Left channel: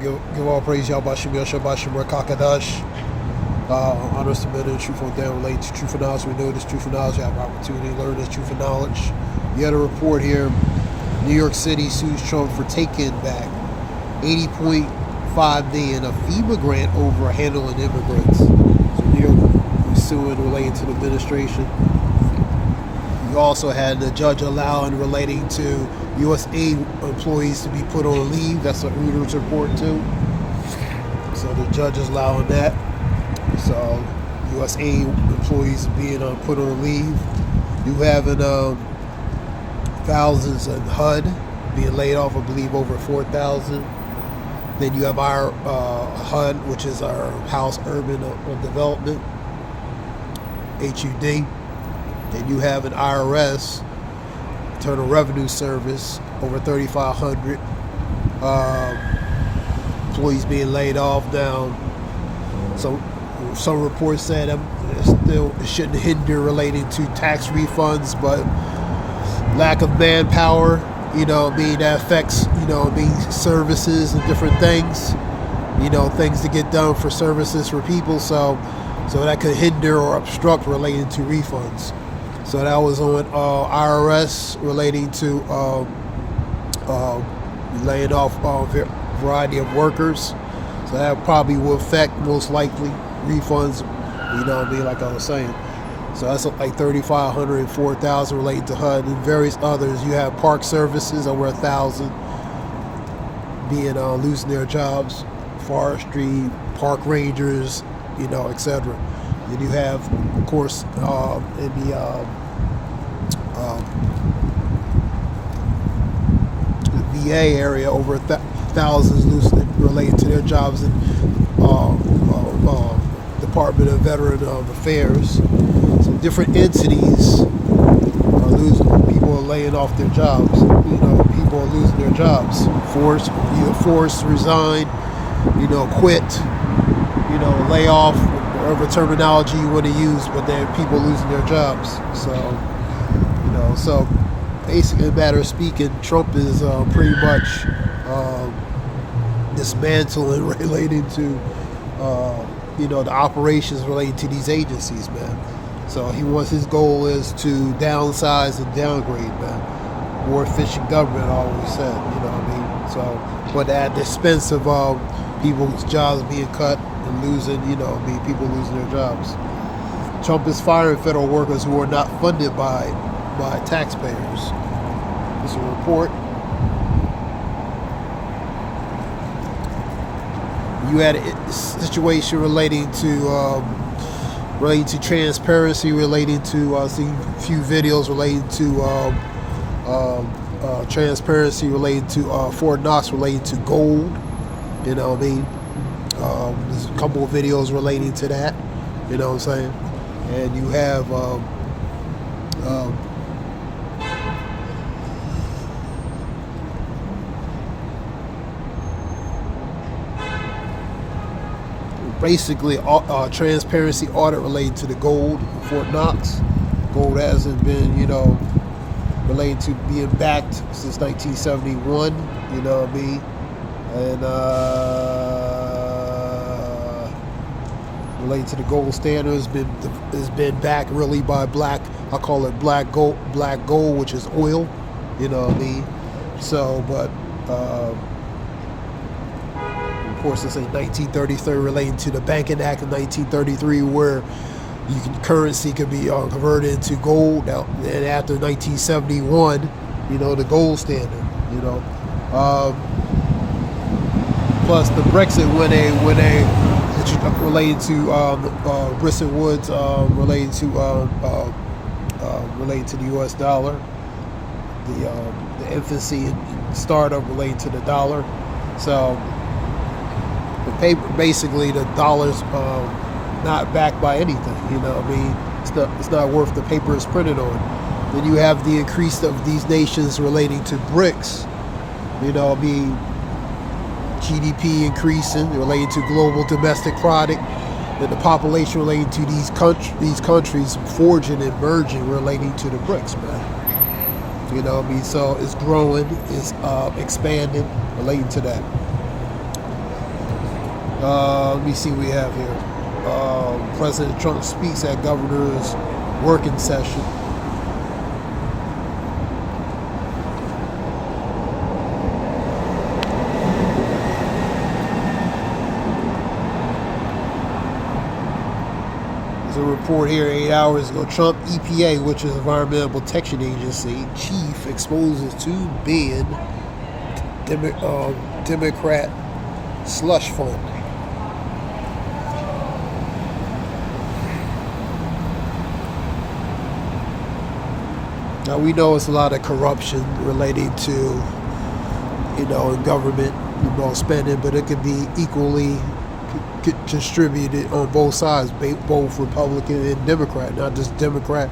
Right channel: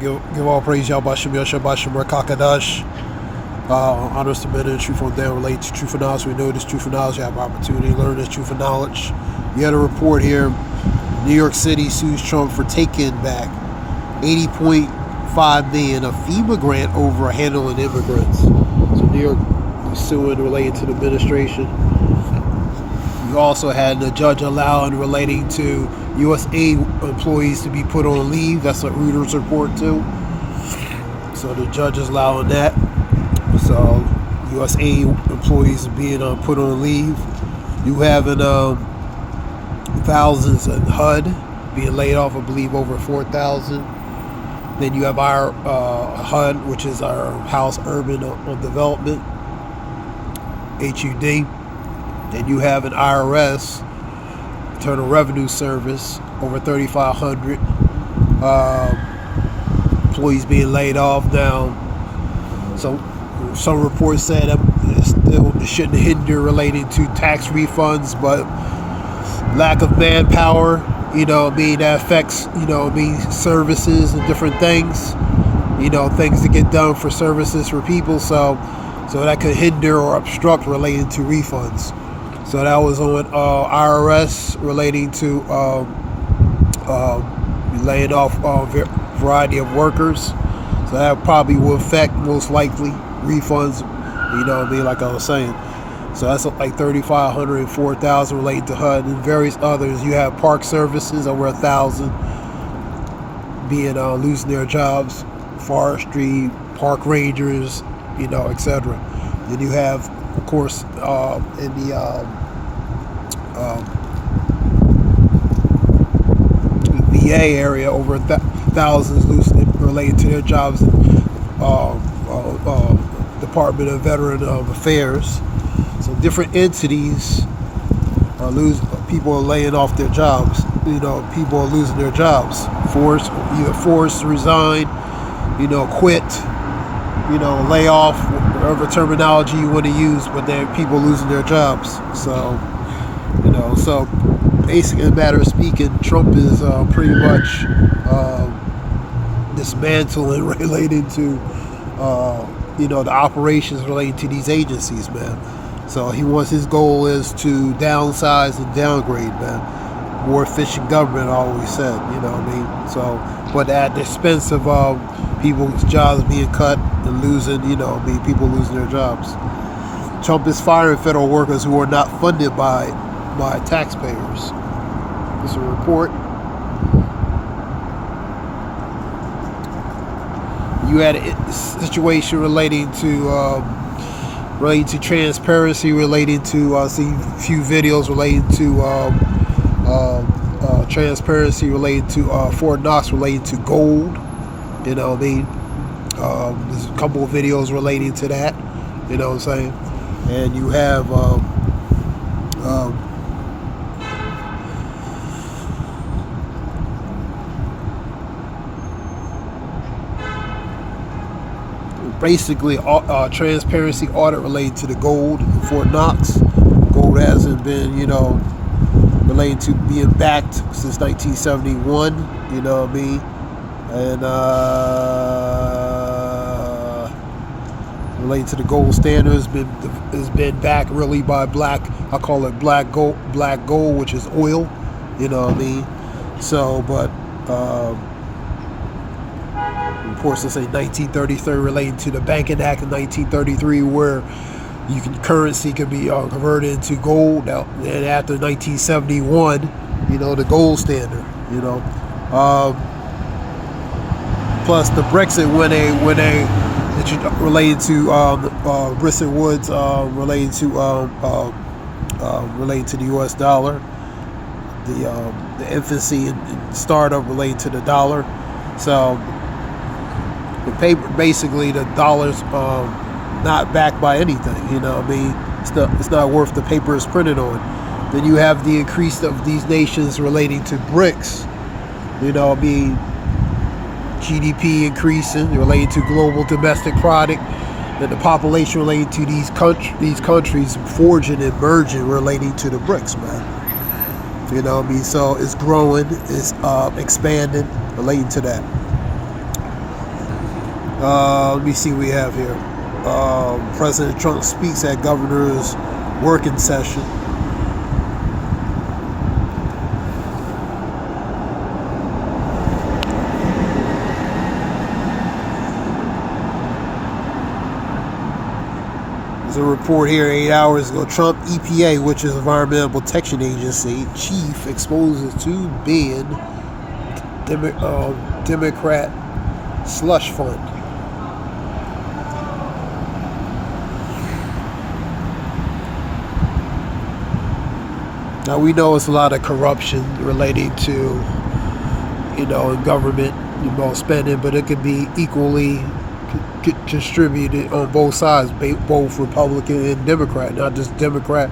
give all praise Yahweh Shem Yahshua Bashem Rakakadash. Honor, submit, and truthful there relate to truthful knowledge. We know this truthful knowledge. You have opportunity to learn this truthful knowledge. We had a report here. New York City sues Trump for taking back $80.5 million of FEMA grant over handling immigrants. So New York is suing related to the administration. We also had the judge allowing relating to USAID employees to be put on leave. That's what Reuters report too. So the judge is allowing that. So USAID employees being put on leave. You having thousands in HUD being laid off. I believe over 4,000. Then you have our HUD, which is our House Urban Development, HUD. Then you have an IRS, Internal Revenue Service, over 3,500 employees being laid off now. So some reports said it shouldn't hinder relating to tax refunds, but lack of manpower, that affects, services and different things, things to get done for services for people. So that could hinder or obstruct relating to refunds. So that was on IRS relating to laying off a variety of workers. So that probably will affect, most likely, refunds, like I was saying. So that's like 3,500 and 4,000 related to HUD, and various others. You have park services, over 1,000 being losing their jobs, forestry, park rangers, etc. Then you have, of course, in the VA area, over thousands losing related to their jobs in Department of Veteran Affairs. So different entities are losing. People are laying off their jobs. People are losing their jobs. Forced to resign. Quit. Lay off. Whatever terminology you want to use, but there are people losing their jobs. So, so basically, in a matter of speaking, Trump is pretty much dismantling related to, the operations related to these agencies, man. So his goal is to downsize and downgrade, man. More efficient government, I always said, So, but at the expense of people's jobs being cut and losing, people losing their jobs. Trump is firing federal workers who are not funded by taxpayers. This is a report. You had a situation relating to transparency, relating to I see a few videos relating to transparency related to Fort Knox, related to gold. There's a couple of videos relating to that. You know what I'm saying? And you have basically transparency audit related to the gold in Fort Knox. Gold hasn't been, related to being backed since 1971. And related to the gold standard has been backed really by I call it black gold, which is oil. So, but of course, it's a 1933 relating to the Banking Act of 1933, where currency could be converted into gold. Now, and after 1971, the gold standard. Plus the Brexit, when they related to Bretton Woods, related to the U.S. dollar, the infancy and startup related to the dollar. So the paper, basically, the dollar's not backed by anything. It's not worth the paper it's printed on. Then you have the increase of these nations relating to BRICS. GDP increasing related to global domestic product, and the population relating to these countries forging and merging relating to the BRICS, man. So it's growing, it's expanding relating to that. Let me see what we have here. President Trump speaks at governor's working session. There's a report here 8 hours ago. Trump EPA, which is Environmental Protection Agency, chief exposes to ban Democrat slush fund. Now we know it's a lot of corruption relating to, government, spending, but it could be equally distributed on both sides, both Republican and Democrat, not just Democrat.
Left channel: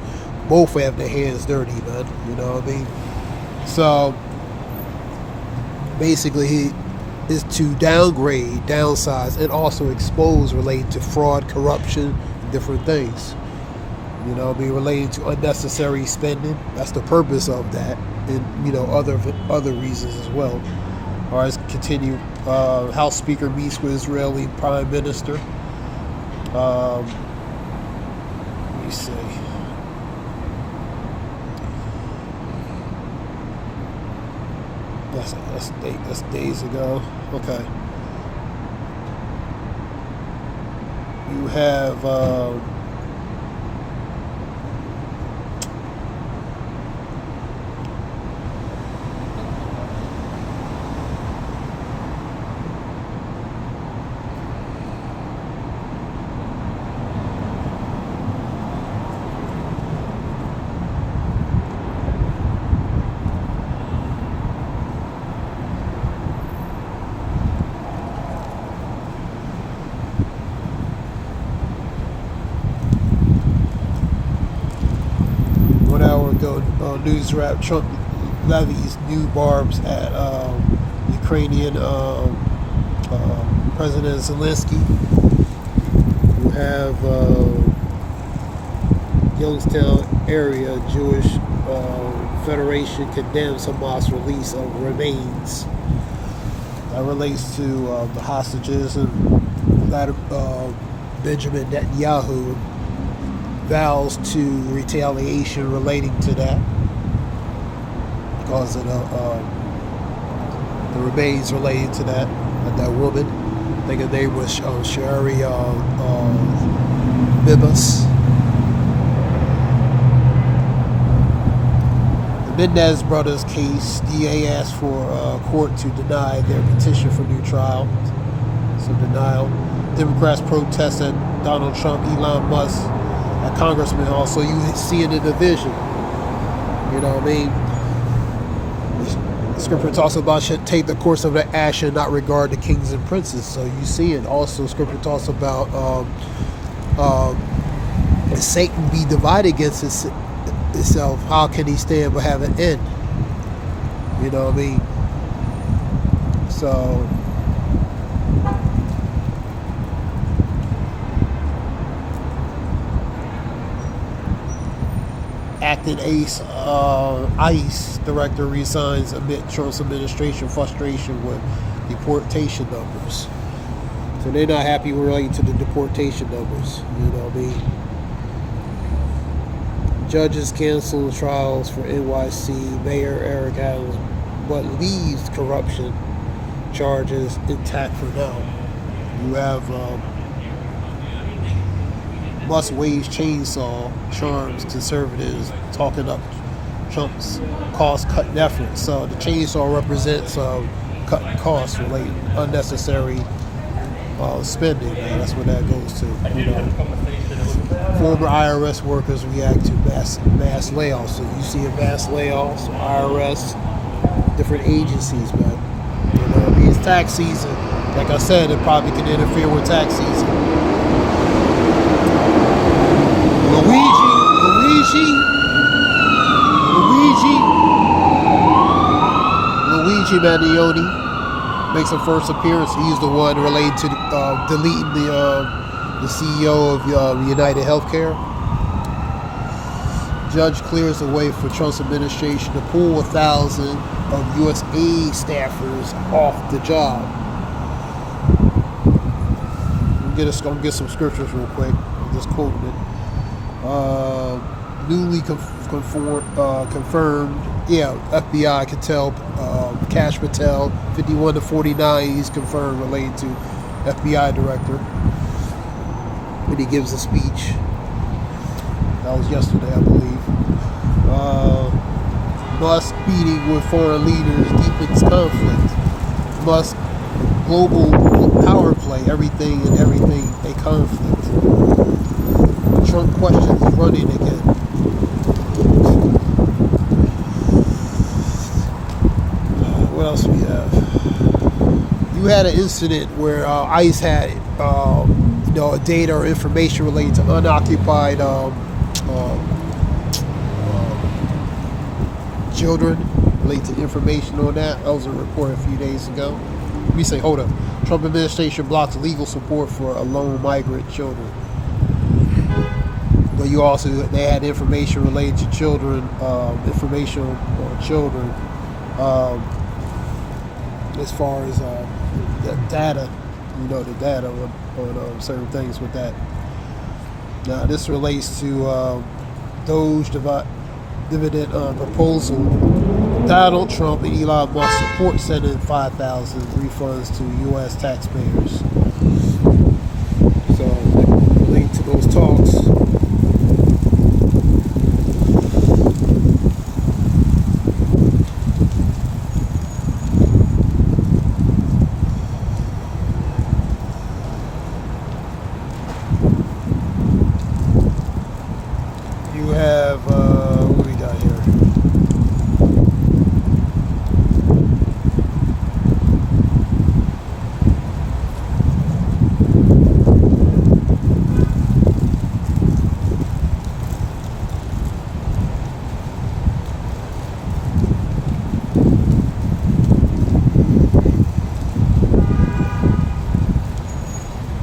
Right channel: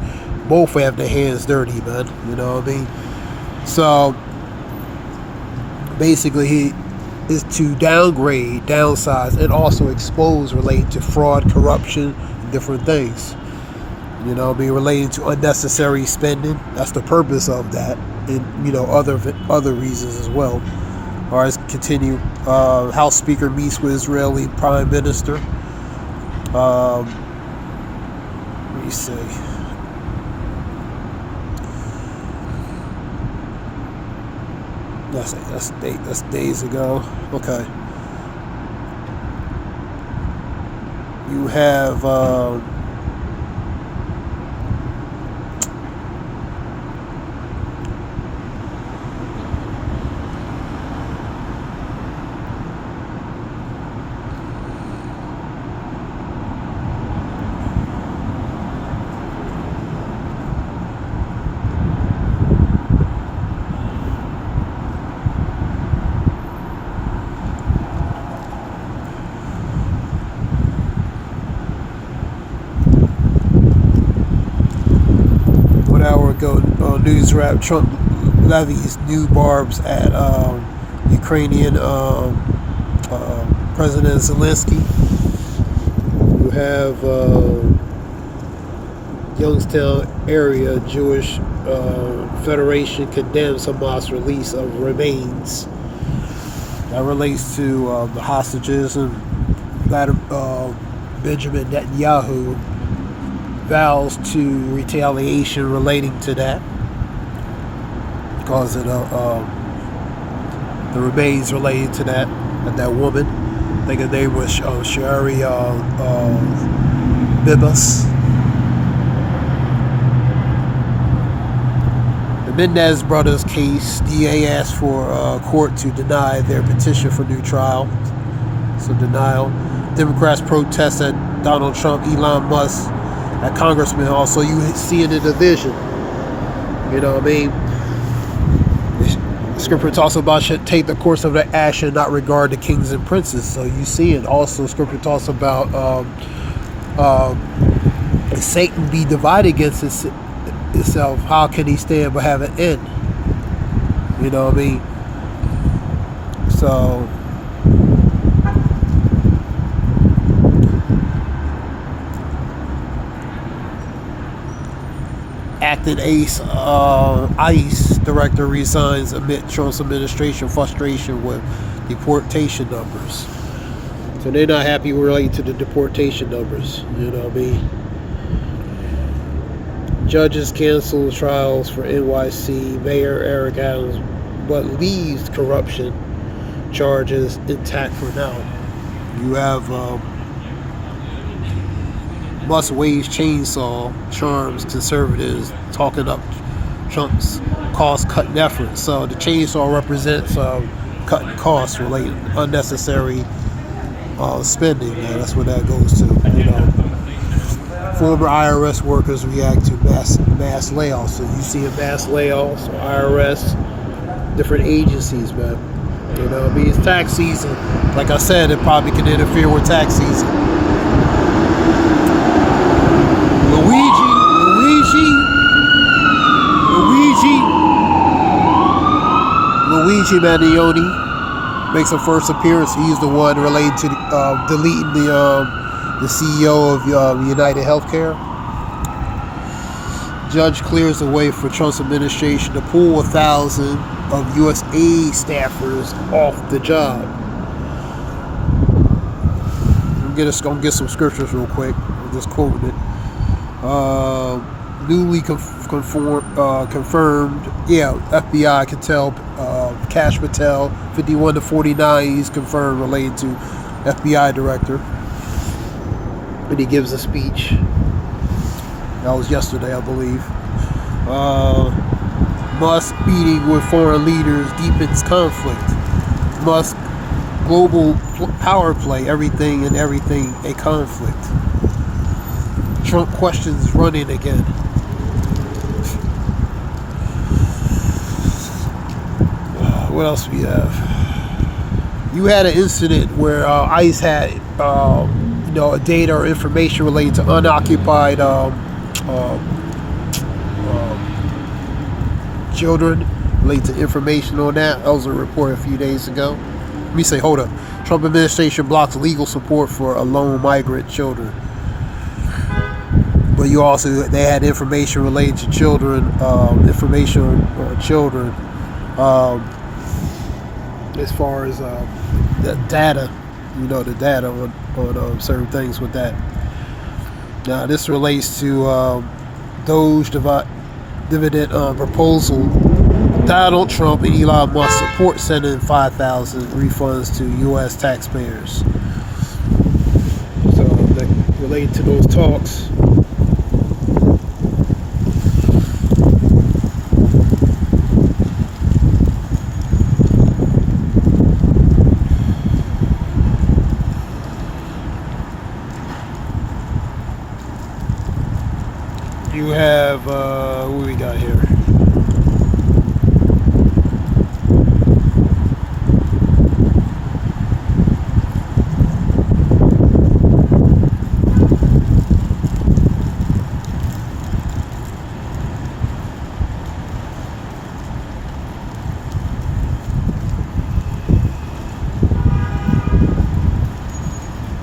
Both have their hands dirty, man. You know what I mean? So basically, he is to downgrade, downsize, and also expose related to fraud, corruption, different things. Be related to unnecessary spending. That's the purpose of that, and other reasons as well. All right, let's continue. House Speaker meets with Israeli Prime Minister. Let me see. That's days ago. Okay. You have. News wrap: Trump levies new barbs at Ukrainian President Zelensky. You have Youngstown area Jewish Federation condemns Hamas release of remains. That relates to the hostages, and Benjamin Netanyahu vows to retaliation relating to that, because of the remains related to that woman. I think her name was Shari Bibas. The Mendez brothers case, DA asked for court to deny their petition for new trial. So denial. Democrats protest at Donald Trump, Elon Musk, at Congressman. Also, you see in the division. You know what I mean? The scripture talks about should take the course of the action, not regard the kings and princes. So you see it. Also, scripture talks about if Satan be divided against itself, how can he stand but have an end? You know what I mean? So acting ICE director resigns amid Trump's administration frustration with deportation numbers. So they're not happy related to the deportation numbers. You know what I mean? Judges cancel trials for NYC Mayor Eric Adams, but leaves corruption charges intact for now. You have must-wage chainsaw charms conservatives talking up Trump's cost-cutting efforts. So the chainsaw represents cutting costs related unnecessary spending. Man, that's what that goes to. Former IRS workers react to mass layoffs. So you see a mass layoffs, IRS, different agencies, man. You know, I mean, it's tax season. Like I said, it probably can interfere with tax season. Luigi Mannioni makes a first appearance. He's the one related to deleting the CEO of United Healthcare. Judge clears the way for Trump's administration to pull 1,000 of U.S. aid staffers off the job. gonna get some scriptures real quick. I'm just quoting it. Newly confirmed. Yeah, FBI can tell. Kash Patel, 51 to 49. He's confirmed related to FBI director. When he gives a speech. That was yesterday, I believe. Musk meeting with foreign leaders deepens conflict. Musk global power play, everything and everything a conflict. Trump questions running again. What else we have? You had an incident where ICE had a data or information relating to unoccupied children, related to information on that. That was a report a few days ago. Let me say, hold up. Trump administration blocks legal support for alone migrant children. But they had information related to children, information on children, as far as the data, the data on certain things with that. Now, this relates to Doge dividend proposal. Donald Trump and Elon Musk support sending 5,000 refunds to U.S. taxpayers. So, that related to those talks. You have, what do we got here?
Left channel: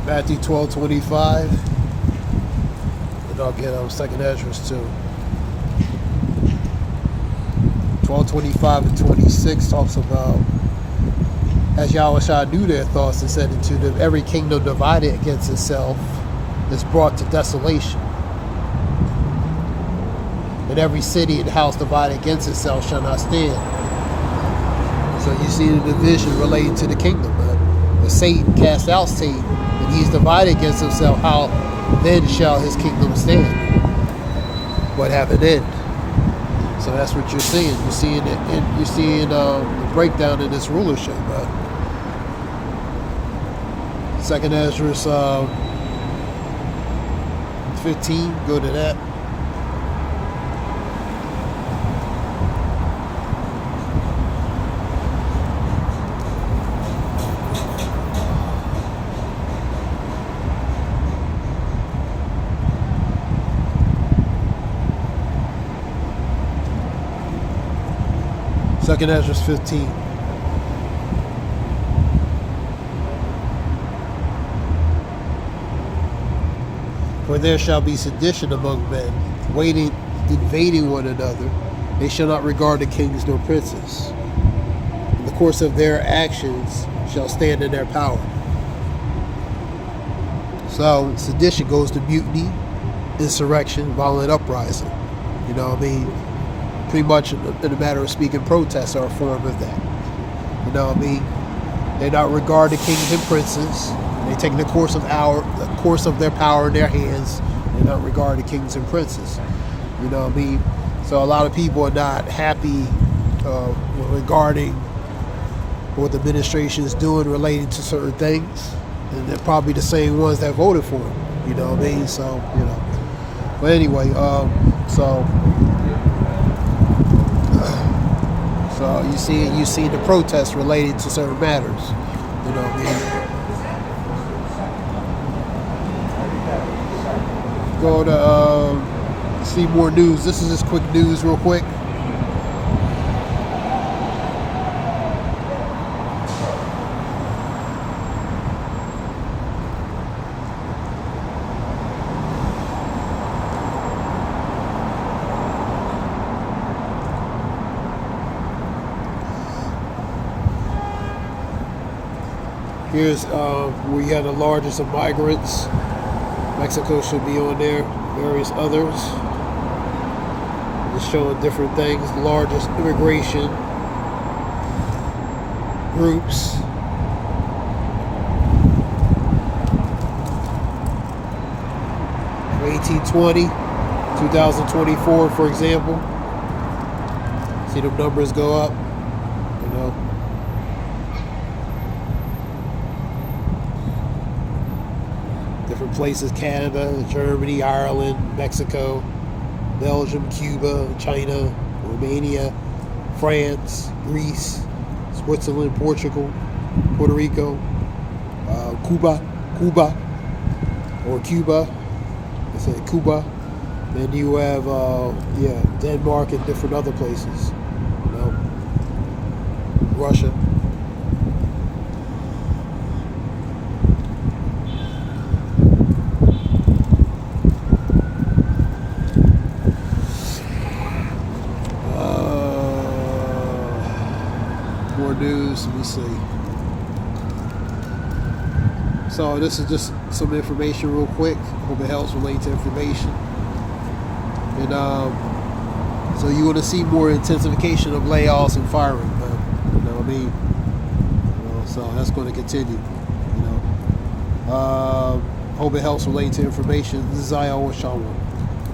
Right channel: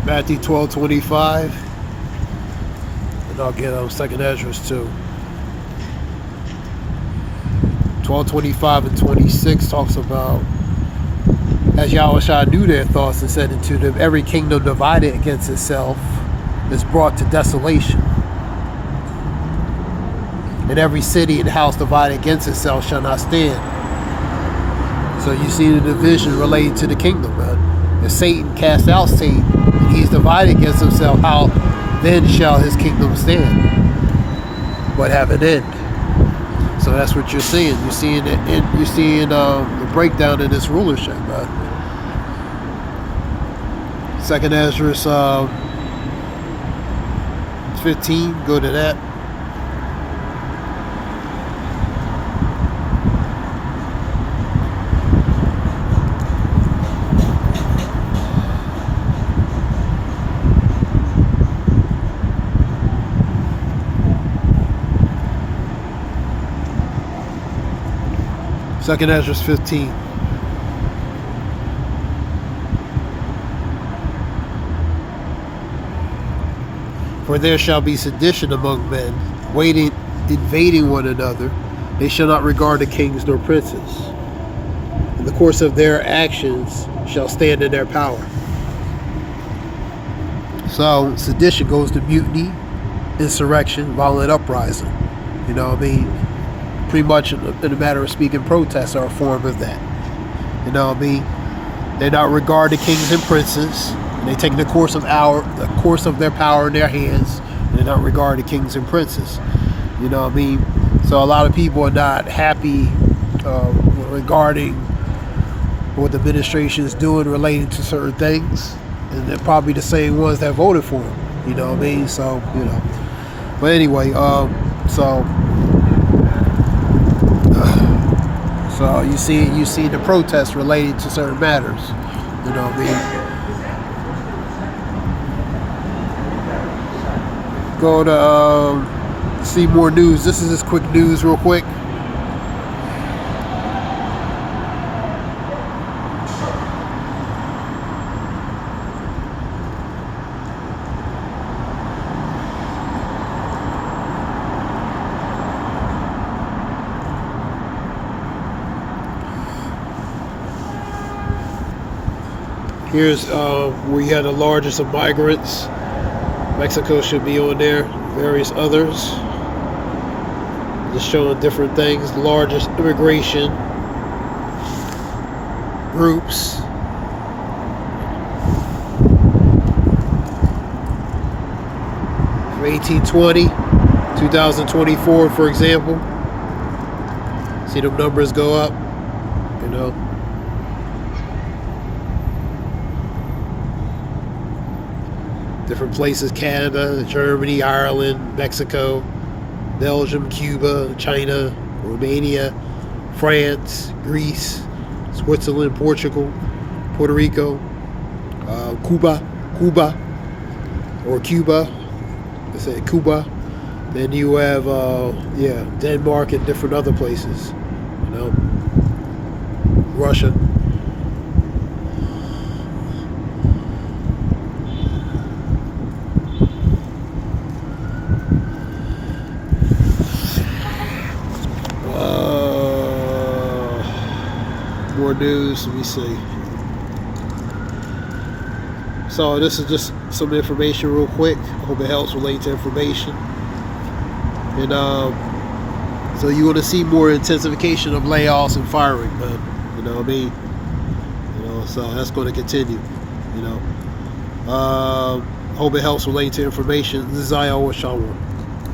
Matthew 12:25. And I'll get 2nd Ezra too. 12:25 and 26 talks about, as Yahushua knew their thoughts and said unto them, every kingdom divided against itself is brought to desolation. And every city and house divided against itself shall not stand. So you see the division related to the kingdom, man. If Satan cast out Satan, and he's divided against himself, how then shall his kingdom stand? But have an end. So that's what you're seeing. You're seeing the breakdown in this rulership. 2nd Ezra 15. Go to that. Second Ezra 15. For there shall be sedition among men, invading one another. They shall not regard the kings nor princes. In the course of their actions shall stand in their power. So sedition goes to mutiny, insurrection, violent uprising. You know what I mean? Pretty much, in a matter of speaking, protests are a form of that. You know what I mean? They not regard the kings and princes. They take the course of their power in their hands. They not regard the kings and princes. You know what I mean? So a lot of people are not happy regarding what the administration is doing relating to certain things, and they're probably the same ones that voted for him. You know what I mean? So But anyway, So you see the protests related to certain matters. You know what I mean? Go to see more news. This is just quick news real quick. Here's where you had the largest of migrants. Mexico should be on there. Various others. Just showing different things. The largest immigration groups. From 1820, 2024, for example. See them numbers go up, you know. Different places: Canada, Germany, Ireland, Mexico, Belgium, Cuba, China, Romania, France, Greece, Switzerland, Portugal, Puerto Rico, Cuba, they say Cuba. Then you have, Denmark and different other places, you know, Russia. More news, let me see. So this is just some information real quick. I hope it helps relate to information. And so you want to see more intensification of layoffs and firing, man. You know what I mean? You know, so that's going to continue. You know. Hope it helps relate to information. This is Iowa Shawan.